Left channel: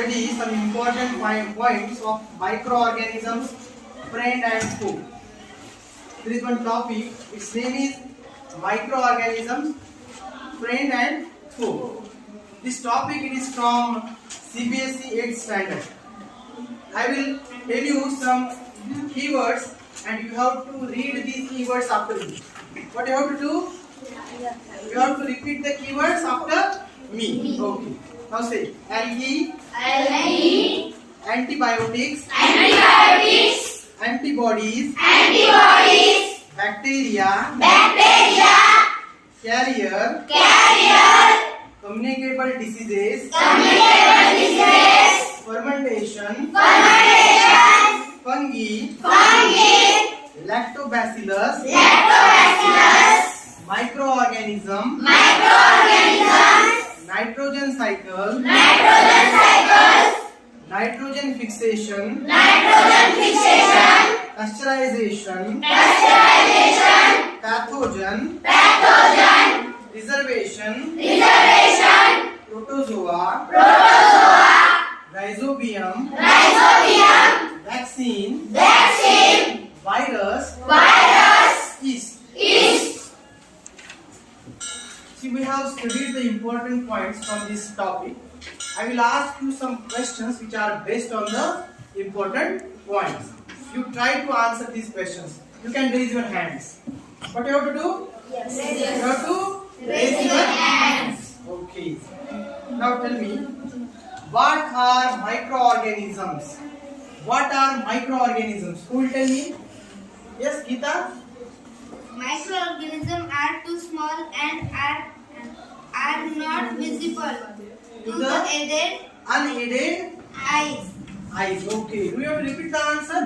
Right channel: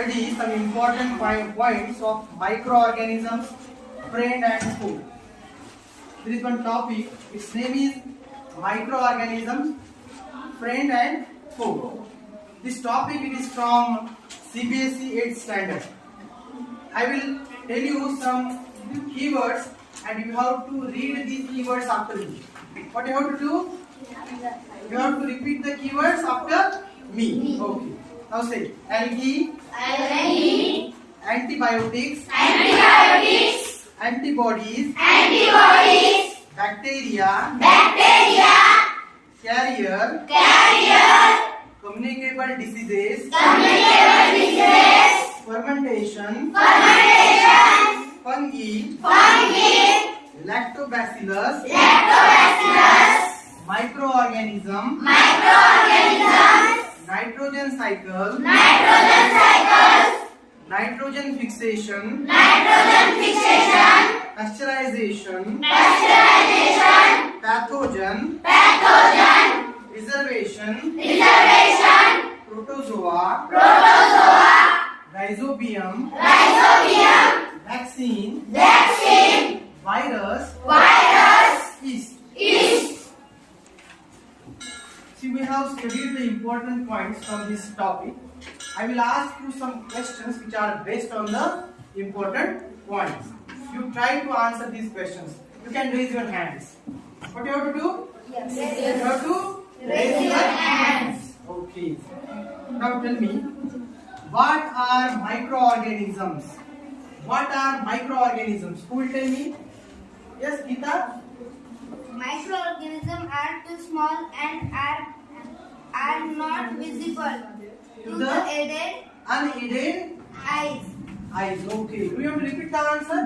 study some important points of microorganisms, friend and foe. There is one topic, its name is microorganisms, friend and foe. This topic it is from CBSE 8th standard. I will tell you some keywords and you have to read these keywords after me. What you have to do? You have to repeat the keywords after me. Okay. Now say algae, antibiotics, antibodies, bacteria, carrier, communicable diseases, fermentation, fungi, lactobacillus, microorganism, nitrogen cycle, nitrogen fixation, pasteurization, pathogen, preservation, protozoa, rhizobium, vaccine, virus, yeast. See, we have studied the important points from this topic. I will ask you some questions which are based on the important points. You try to answer these questions. You can raise your hands. What you have to do? Yes. You have to raise your hands. Okay. Now tell me, what are microorganisms? What are microorganisms? Who will tell me? Yes, Geeta? Microorganisms are too small and are not visible to the unaided eyes. Okay. Do you want to repeat the answer?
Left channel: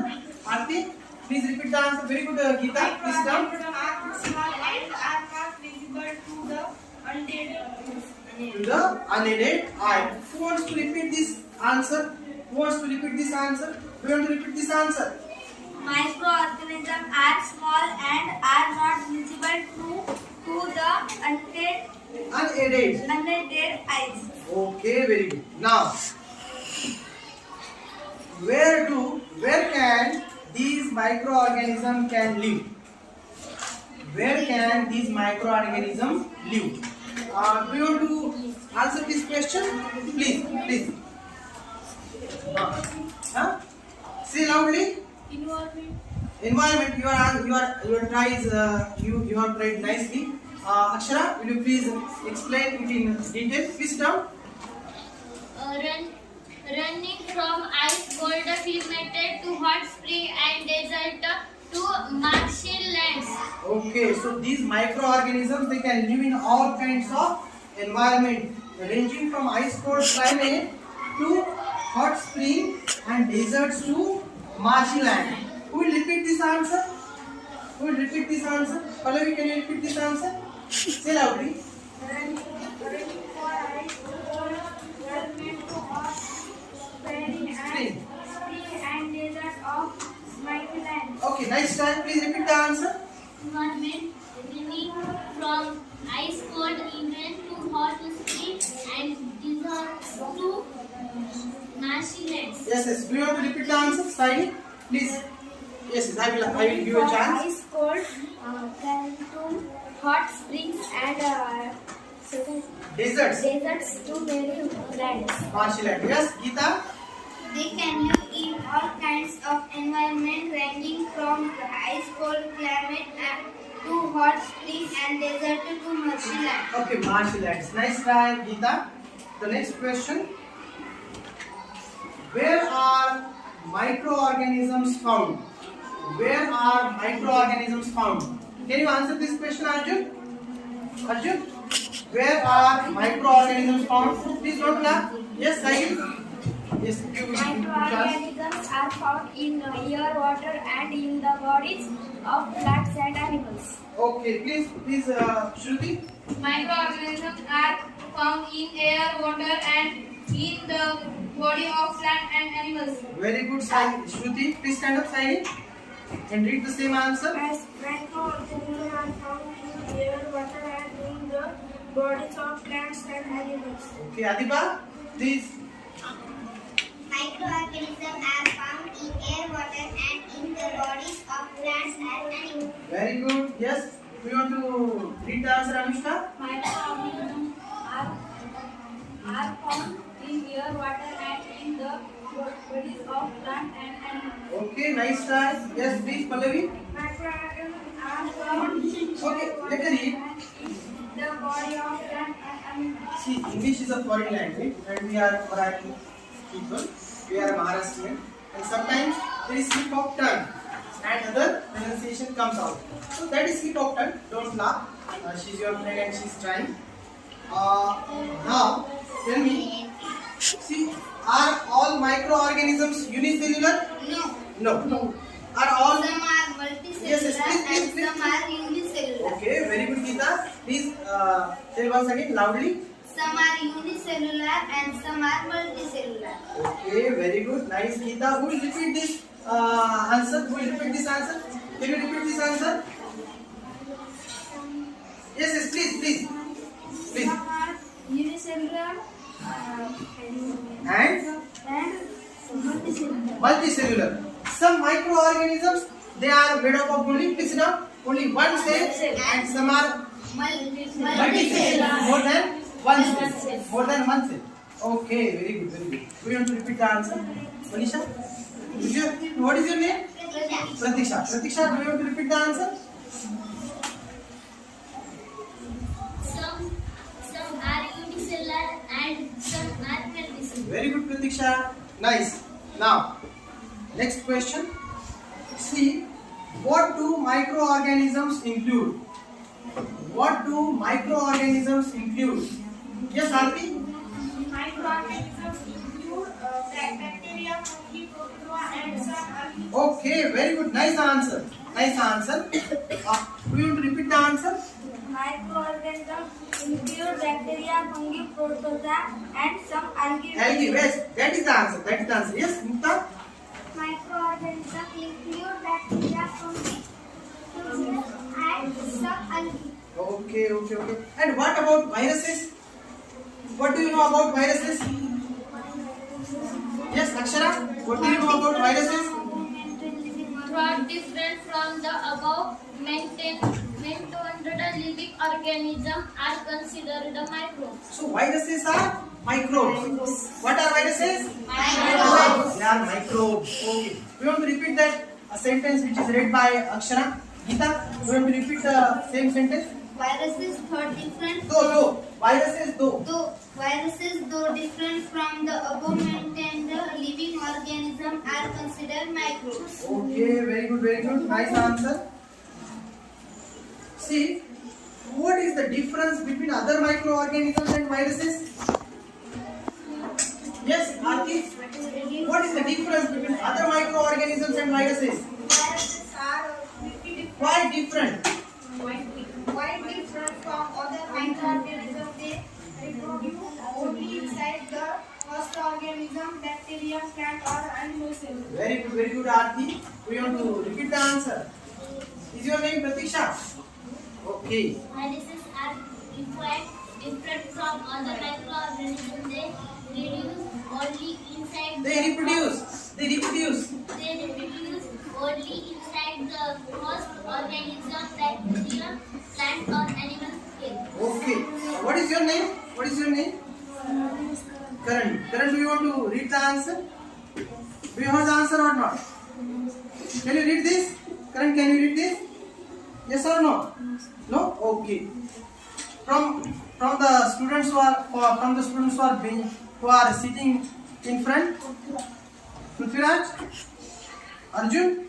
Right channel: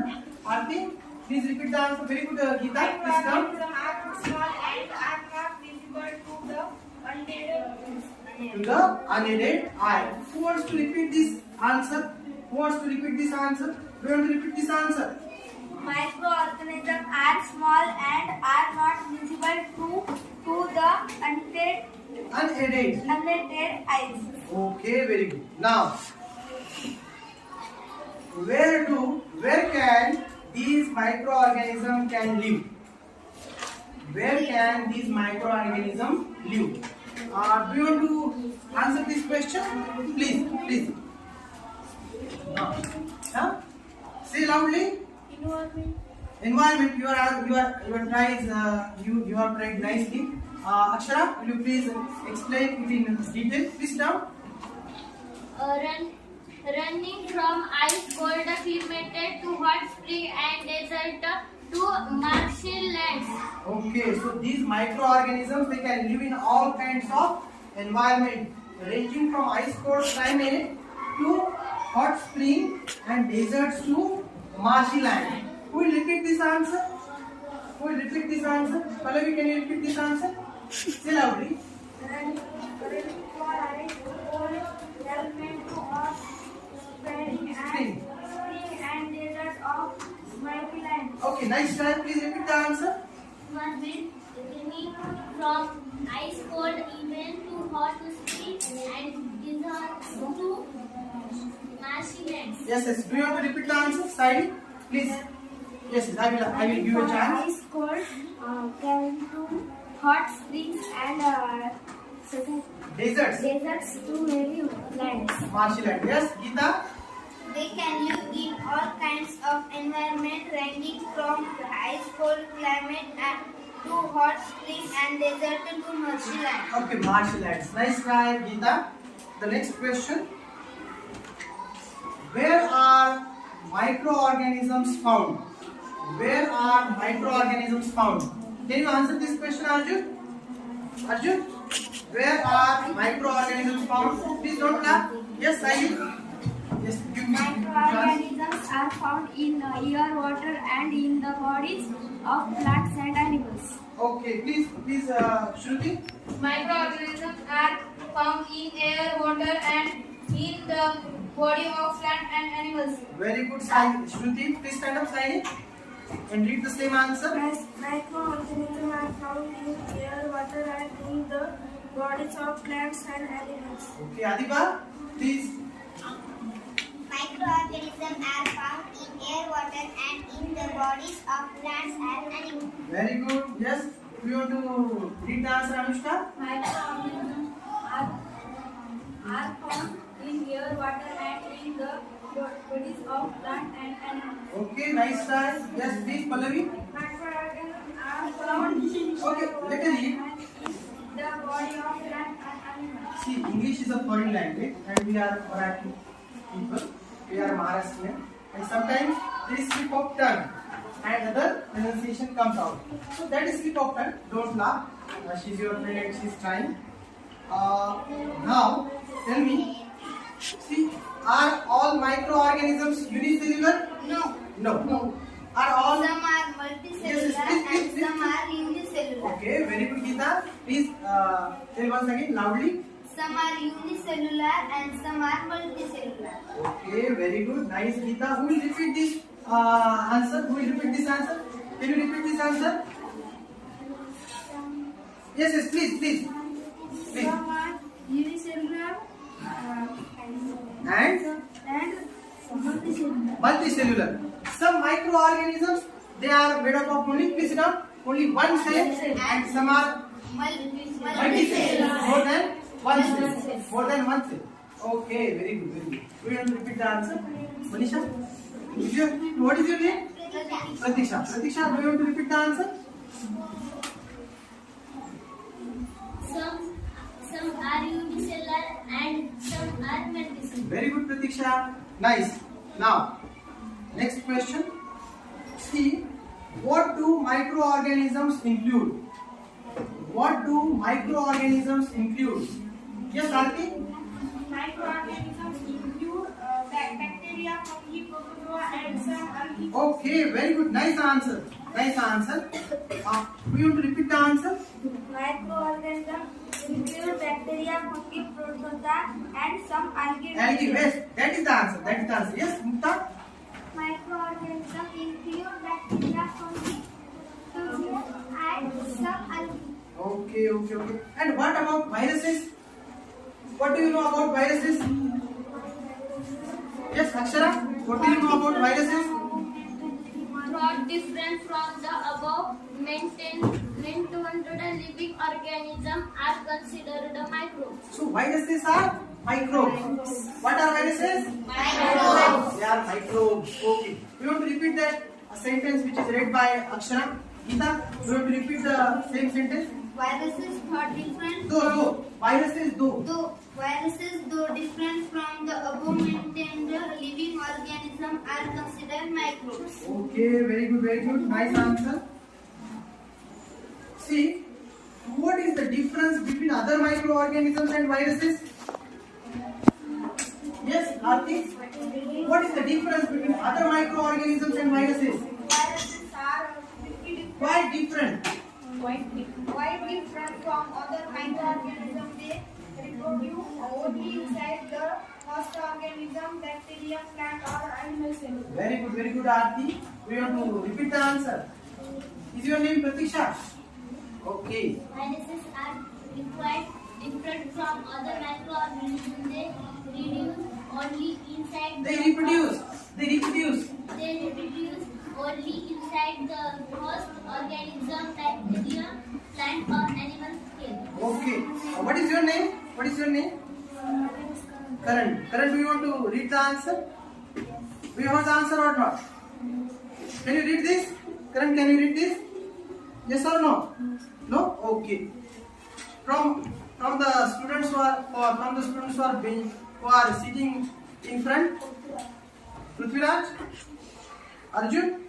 Aarti, please repeat the answer. Very good, Geeta. Please come. Are too small and are not visible to the To the unaided eye. Who wants to repeat this answer? Who wants to repeat this answer? Do you want to repeat this answer? Microorganisms are small and are not visible to the Unaided eyes. Okay, very good. Now, where can these microorganisms can live? Where can these microorganisms live? Do you want to answer this question? Please. Say loudly. Environment. You have tried nicely. Akshara, will you please explain it in detail? Please down. Running from ice cold fermented to hot spring and desert to marshy lands. Okay, so these microorganisms they can live in all kinds of environment, ranging from ice cold climate to hot spring and deserts to marshy land. Who will repeat this answer? Pallavi, can you repeat this answer? Say loudly. Spring. And deserts of mighty land. Okay, nice try. Please repeat the answer. Running from ice cold event to hot spring and deserts to marshy lands. Yes. Do you want to repeat the answer? Saidi, please. Yes, I will give you a chance. Ice cold can to hot springs and Deserts. to many lands. Marshy land. Yes, Geeta. They can live in all kinds of environment ranging from the ice cold climate to hot spring and desert to marshy land. Okay, marshy lands. Nice try, Geeta. The next question. Where are microorganisms found? Where are microorganisms found? Can you answer this question, Arjun? Where are microorganisms found? Please don't laugh. Yes, Sahil. Yes, give me chance. Microorganisms are found in air, water, and in the bodies of plants and animals. Okay, please, Shruti. Microorganisms are found in air, water, and in the body of plant and animals. Very good, Sahil. Shruti, please stand up, Sahil, and read the same answer. Microorganisms are found in air, water, and in the bodies of plants and animals. Okay, Adiba, please. bodies of plants and animals. Very good. Yes. Do you want to read the answer, Anushka? Microorganisms are found in air, water, and in the bodies of plants and animals. Okay. Nice try. Yes, please, Pallavi. Microorganisms are found in Okay. Let me read. the body of plants and animals. See, English is a foreign language, and we are Marathi people. We are Maharashtrian, and sometimes there is slip of tongue, and other pronunciation comes out. So that is slip of tongue. Don't laugh. She's your friend, and she's trying. Now, tell me. See, are all microorganisms unicellular? No. No. Are all? Some are multicellular Yes, please, please. and some are unicellular. Okay, very good, Geeta. Please tell once again loudly. Some are unicellular and some are multicellular. Okay, very good. Nice, Geeta. Who will repeat this answer? Who will repeat this answer? Can you repeat this answer? Yes, please. Please. Some are unicellular And some multicellular. multicellular. Some microorganisms, they are made up of only, please sit down, only one cell, and some are multicellular. More than one cell. More than one cell. Okay, very good, very good. Do you want to repeat the answer? Manisha? What is your name? Pratiksha. Pratiksha, do you want to repeat the answer? Some are unicellular and some are multicellular. Very good, Pratiksha. Nice. Now, next question. See, what do microorganisms include? What do microorganisms include? Yes, Aarti? Microorganisms include bacteria, fungi, protozoa, and some algae. Okay, very good. Nice answer. Nice answer. Do you want to repeat the answer? Microorganisms include bacteria, fungi, protozoa, and some algae. Algae, yes. That is the answer. That is the answer. Yes, Mukta? Microorganisms include bacteria, fungi, protozoa, and some algae. Okay. And what about viruses? What do you know about viruses? Yes, Akshara? What do you know about viruses? Throughout different from the above, maintained living organisms are considered the microbes. So viruses are microbes. What are viruses? Microbes. They are microbes. Okay. We want to repeat that sentence which is read by Akshara. Geeta, we want to repeat the same sentence. Viruses thought different. Though. Viruses though. Viruses, though different from the above maintained living organisms, are considered microbes. Okay, very good. Nice answer. See, what is the difference between other microorganisms and viruses? Yes, Aarti? What is the difference between other microorganisms and viruses? Viruses are Quite different. quite different from other microorganisms. They reproduce only inside the host organism, bacteria, plant, or animal cells. Very good, Aarti. We want to repeat the answer. Is your name Pratiksha? Okay. Viruses are quite different from other microorganisms. They reproduce only inside. They reproduce. They reproduce only inside the host organism, bacteria, plant, or animal cell. Okay. What is your name? Karan. Karan, do you want to read the answer? Do you have the answer or not? Can you read this? Karan, can you read this? Yes or no? No? Okay. From the students who are sitting in front. Prithviraj? Arjun?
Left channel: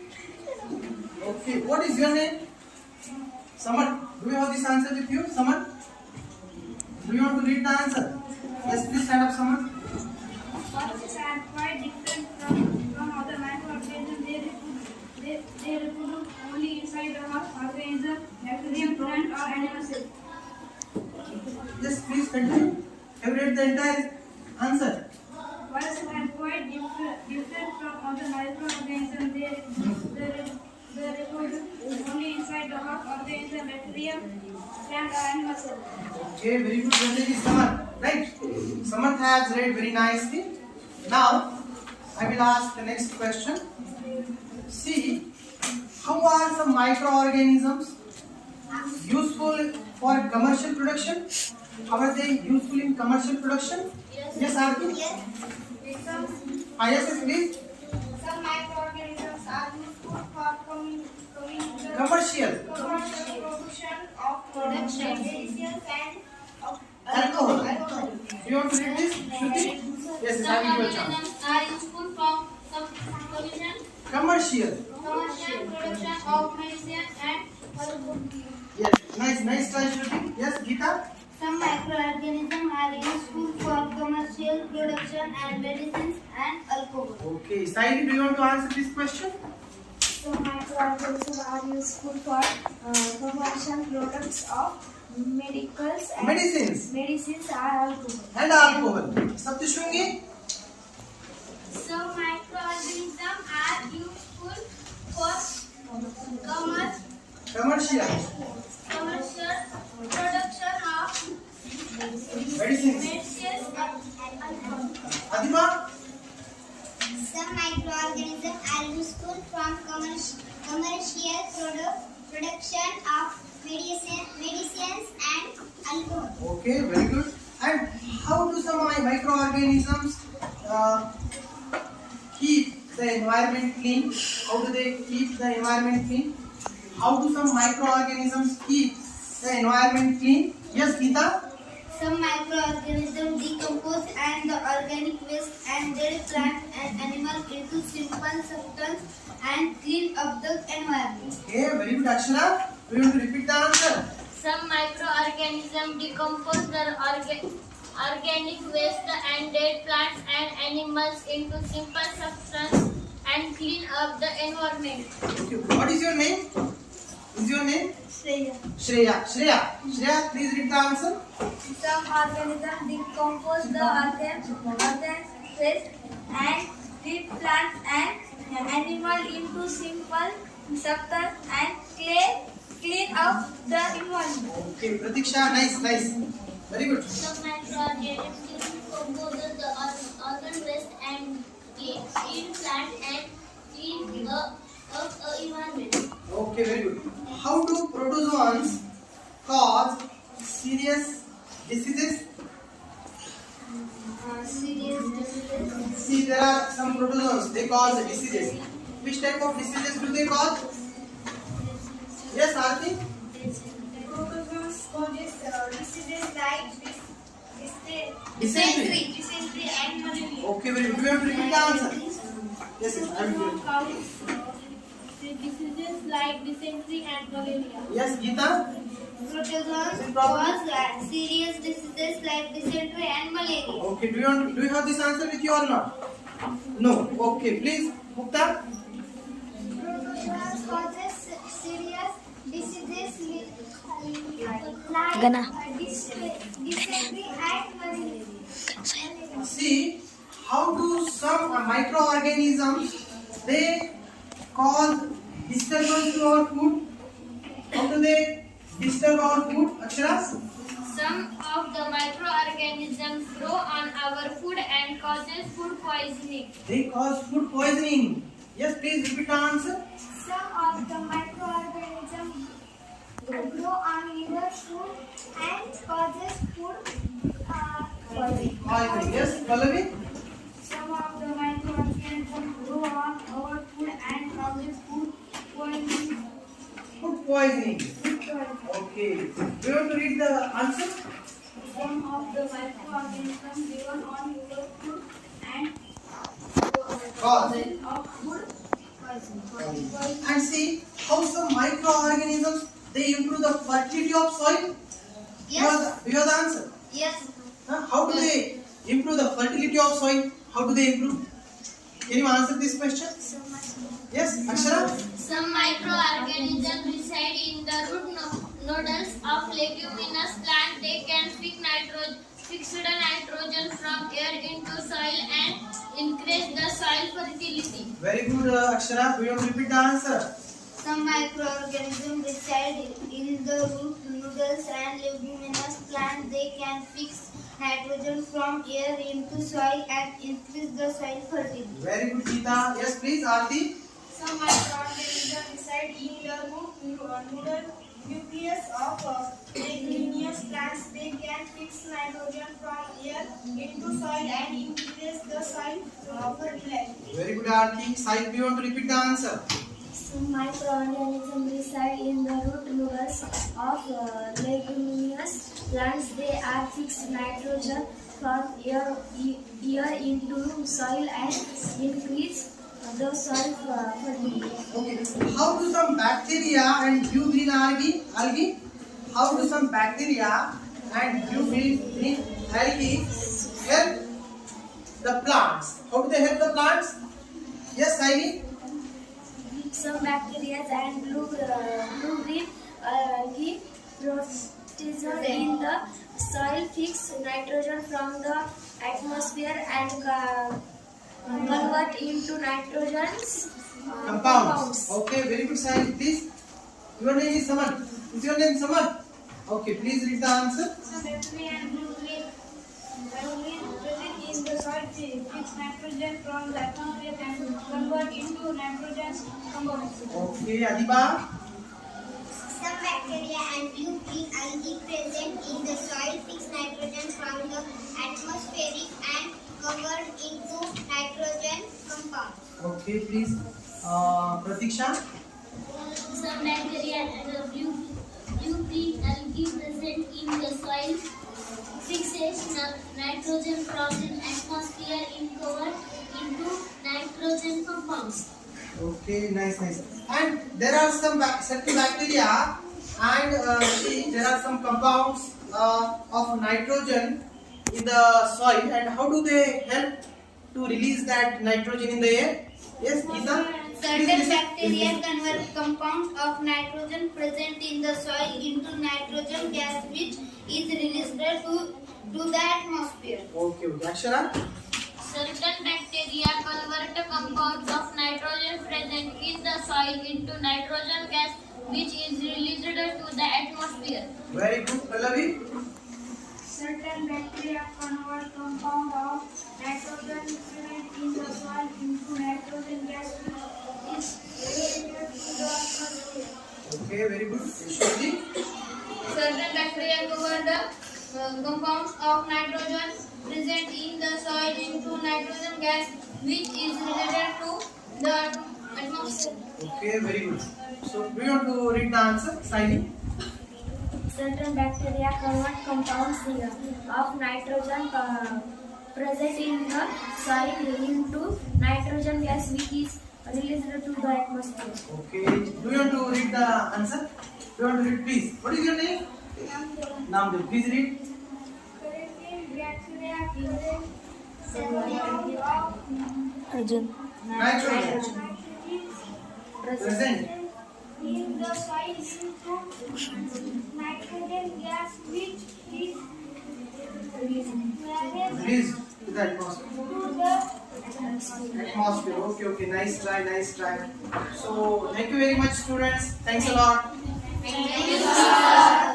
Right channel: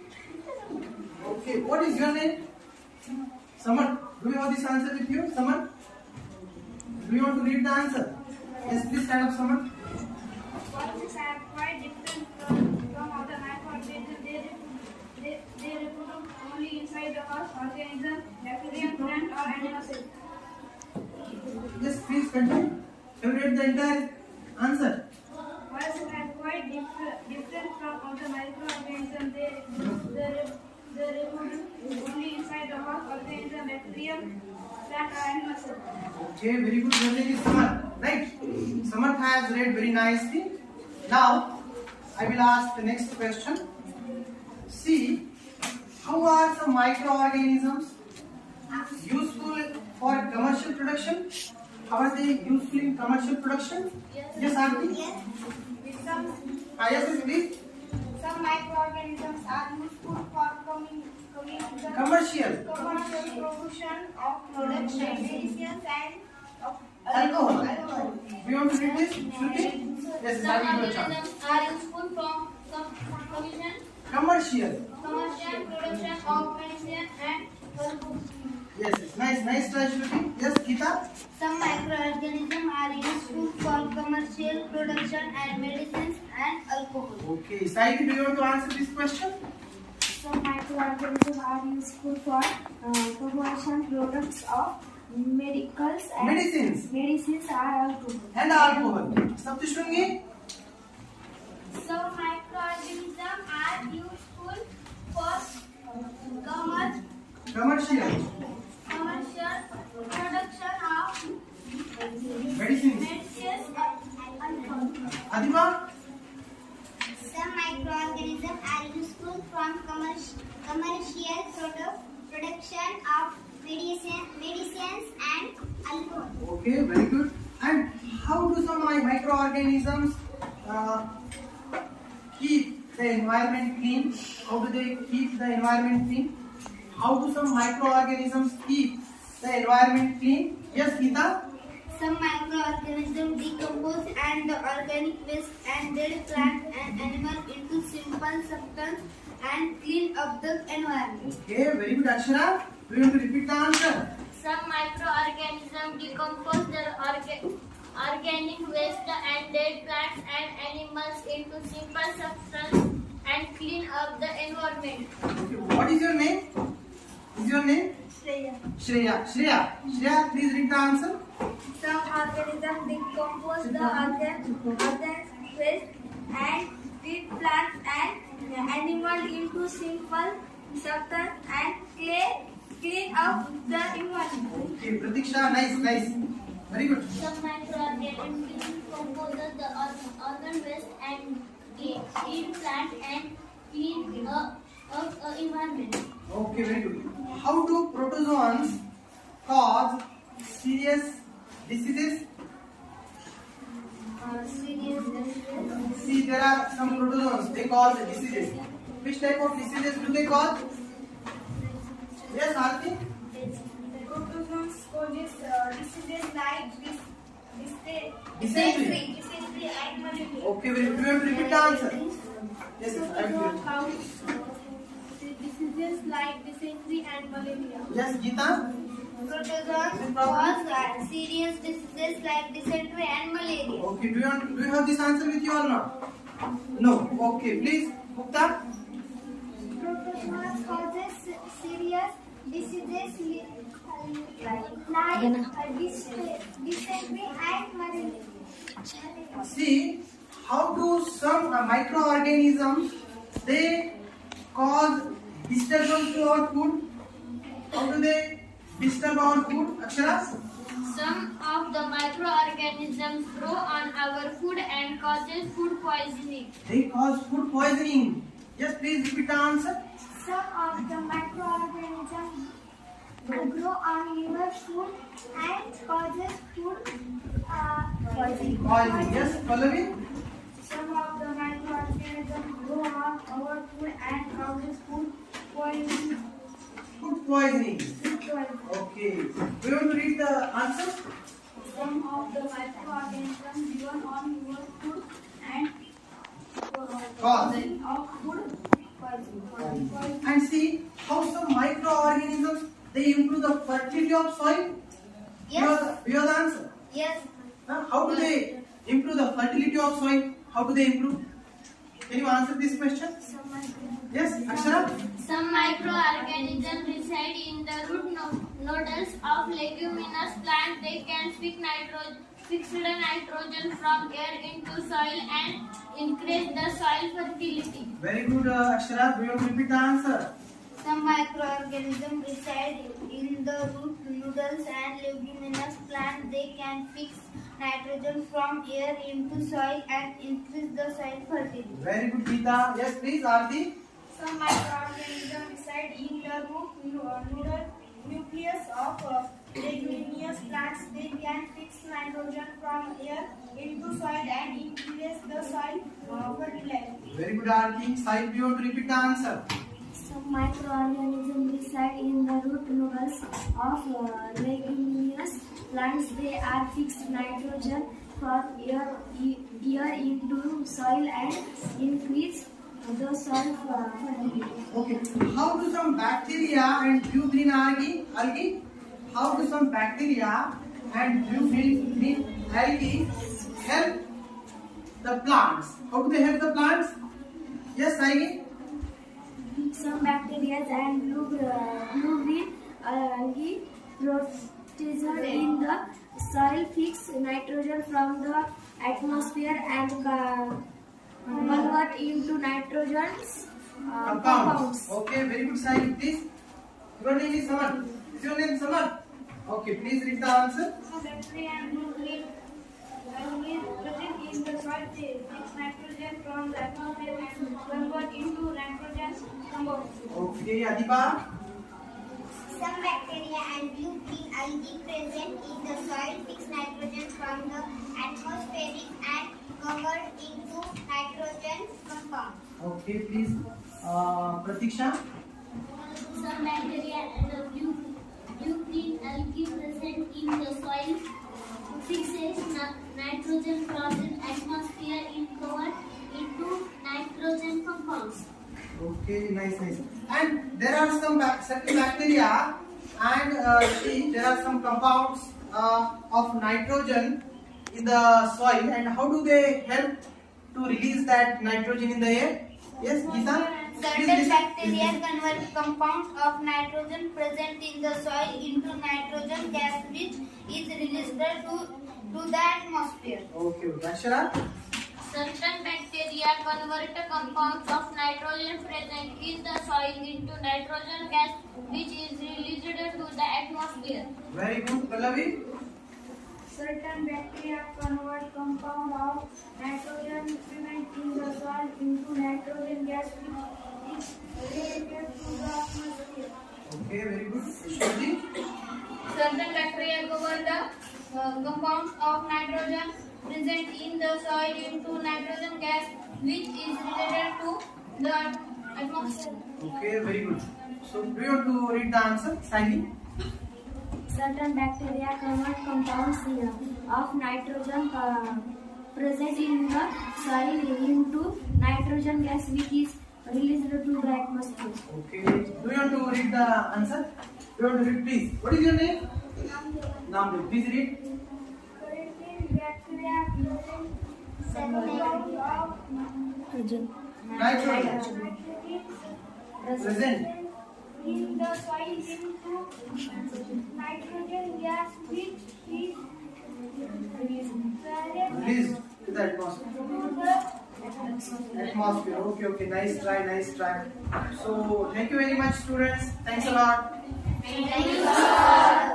Okay. What is your name? Samar. Do you have this answer with you, Samar? Do you want to read the answer? Yes, please stand up, Samar. Viruses are quite different from other microorganisms. They reproduce only inside the host organism, bacteria, plant, or animal cell. Yes, please continue. Have you read the entire answer? Viruses are quite different from other microorganisms. They reproduce only inside the host organism, bacteria, plant, or animal cell. Okay, very good. Your name is Samar, right? Samar has read very nicely. Now, I will ask the next question. See, How are some microorganisms useful for commercial production? How are they useful in commercial production? Yes, Aarti? Yes. Yes, please. Some microorganisms are useful for Commercial. production of medicines and of Alcohol. Do you want to read this? Shruti? Yes, Some Aarti, your chance. organisms are useful from Commercial. commercial production of medicine and alcohol. Yes, nice try, Shruti. Yes, Geeta? some microorganisms are useful for commercial production and medicines and alcohol. Okay, Saidi, do you want to answer this question? Some microorganisms are useful for commercial products of medicals and Medicines are alcohol. and alcohol. Saptishungi? Some microorganisms are useful for Commercial. commercial production of Medicines. medicines and alcohol. Adima? Some microorganisms are useful from commercial production of medicines and alcohol. Okay, very good. And how do some microorganisms keep the environment clean? How do they keep the environment clean? How do some microorganisms keep the environment clean? Yes, Geeta? Some microorganisms decompose and the organic waste and dead plants and animals into simple substance and clean up the environment. Okay, very good, Akshara. We want to repeat the answer. Some microorganisms decompose their organic waste and dead plants and animals into simple substance and clean up the environment. Okay, what is your name? Is your name? Shreya, please read the answer. Some organisms decompose the organ waste and dead plants and animal into simple substance and clean up the environment. Okay, Pratiksha, nice. Very good. Some microorganisms decompose the organ waste and dead plant and clean up the environment. Okay, very good. How do protozoans cause serious diseases? See, there are some protozoans, they cause diseases. Which type of diseases do they cause? Yes, Aarti? Protozoans causes diseases like Dysentery. dysentery and malaria. Okay, very good. Do you want to repeat the answer? Yes, I will. Diseases like dysentery and malaria. Yes, Geeta? Protozoans cause serious diseases like dysentery and malaria. Okay, do you have this answer with you or not? No. Okay, please, Mukta. Protozoans causes serious diseases like dysentery and malaria. See, how do some microorganisms they cause disturbance to our food? How do they disturb our food, Akshara? Some of the microorganisms grow on our food and causes food poisoning. They cause food poisoning. Yes, please repeat the answer. Some of the microorganisms grow on your food and causes food poisoning. Poisoning. Yes, Pallavi? Some of the microorganisms grow on our food and causes food poisoning. Food poisoning. Okay. Do you want to read the answer? Some of the microorganisms grow on your food and Cause. of food poisoning. And see how some microorganisms they improve the fertility of soil. Yes. You have the answer. Yes. How do they improve the fertility of soil? How do they improve? Can you answer this question? Yes, Akshara? Some microorganisms reside in the root nodules of leguminous plants. They can fix the nitrogen from air into soil and increase the soil fertility. Very good, Akshara. Do you want to repeat the answer? Some microorganisms reside in the root nodules and leguminous plants. They can fix nitrogen from air into soil and increase the soil fertility. Very good, Geeta. Yes, please, Aarti. Some microorganisms reside in the root nucleus of leguminous plants. They can fix nitrogen from air into soil and increase the soil fertility. Very good, Arti. Sahil, do you want to repeat the answer? Some microorganisms reside in the root nodules of leguminous plants. They are fixed nitrogen from air into soil and increase the soil fertility. Okay. How do some bacteria and blue green algae? How do some bacteria and blue green algae help the plants? How do they help the plants? Yes, Saini? Some bacteria and blue-green algae present in the soil fix nitrogen from the atmosphere and convert into nitrogen Compounds. Okay, very good, Saini. Please. Your name is Saman. Is your name Saman? Okay, please read the answer. Some bacteria and blue-green algae present in the soil fix nitrogen from the atmosphere and convert into nitrogen compounds. Okay, Adiba. Some bacteria and blue-green algae present in the soil fix nitrogen from the atmospheric and convert into nitrogen compounds. Okay, please. Pratiksha. Some bacteria and blue-green algae present in the soil fixes nitrogen from the atmosphere and convert into nitrogen compounds. Okay, nice. And there are some certain bacteria and see there are some compounds of nitrogen in the soil, and how do they help to release that nitrogen in the air? Yes, Geeta? Certain bacteria convert compounds of nitrogen present in the soil into nitrogen gas, which is released to the atmosphere. Okay. Akshara? Certain bacteria convert compounds of nitrogen present in the soil into nitrogen gas, which is released to the atmosphere. Very good, Pallavi. Certain bacteria convert compound of nitrogen present in the soil into nitrogen gas, which is released to the atmosphere. Okay, very good. Ishwarji? Certain bacteria cover the compounds of nitrogen present in the soil into nitrogen gas, which is related to the atmosphere. Okay, very good. So, do you want to read the answer? Saini? Certain bacteria convert compounds of nitrogen present in the soil into nitrogen gas, which is released to the atmosphere. Okay. Do you want to read the answer? Do you want to read, please? What is your name? Namdev. Please read. Certain bacteria present Nitrogen. Present. in the soil into nitrogen gas, which is Released to the atmosphere. Atmosphere. Okay. Nice try. So, thank you very much, students. Thanks a lot. Thank you.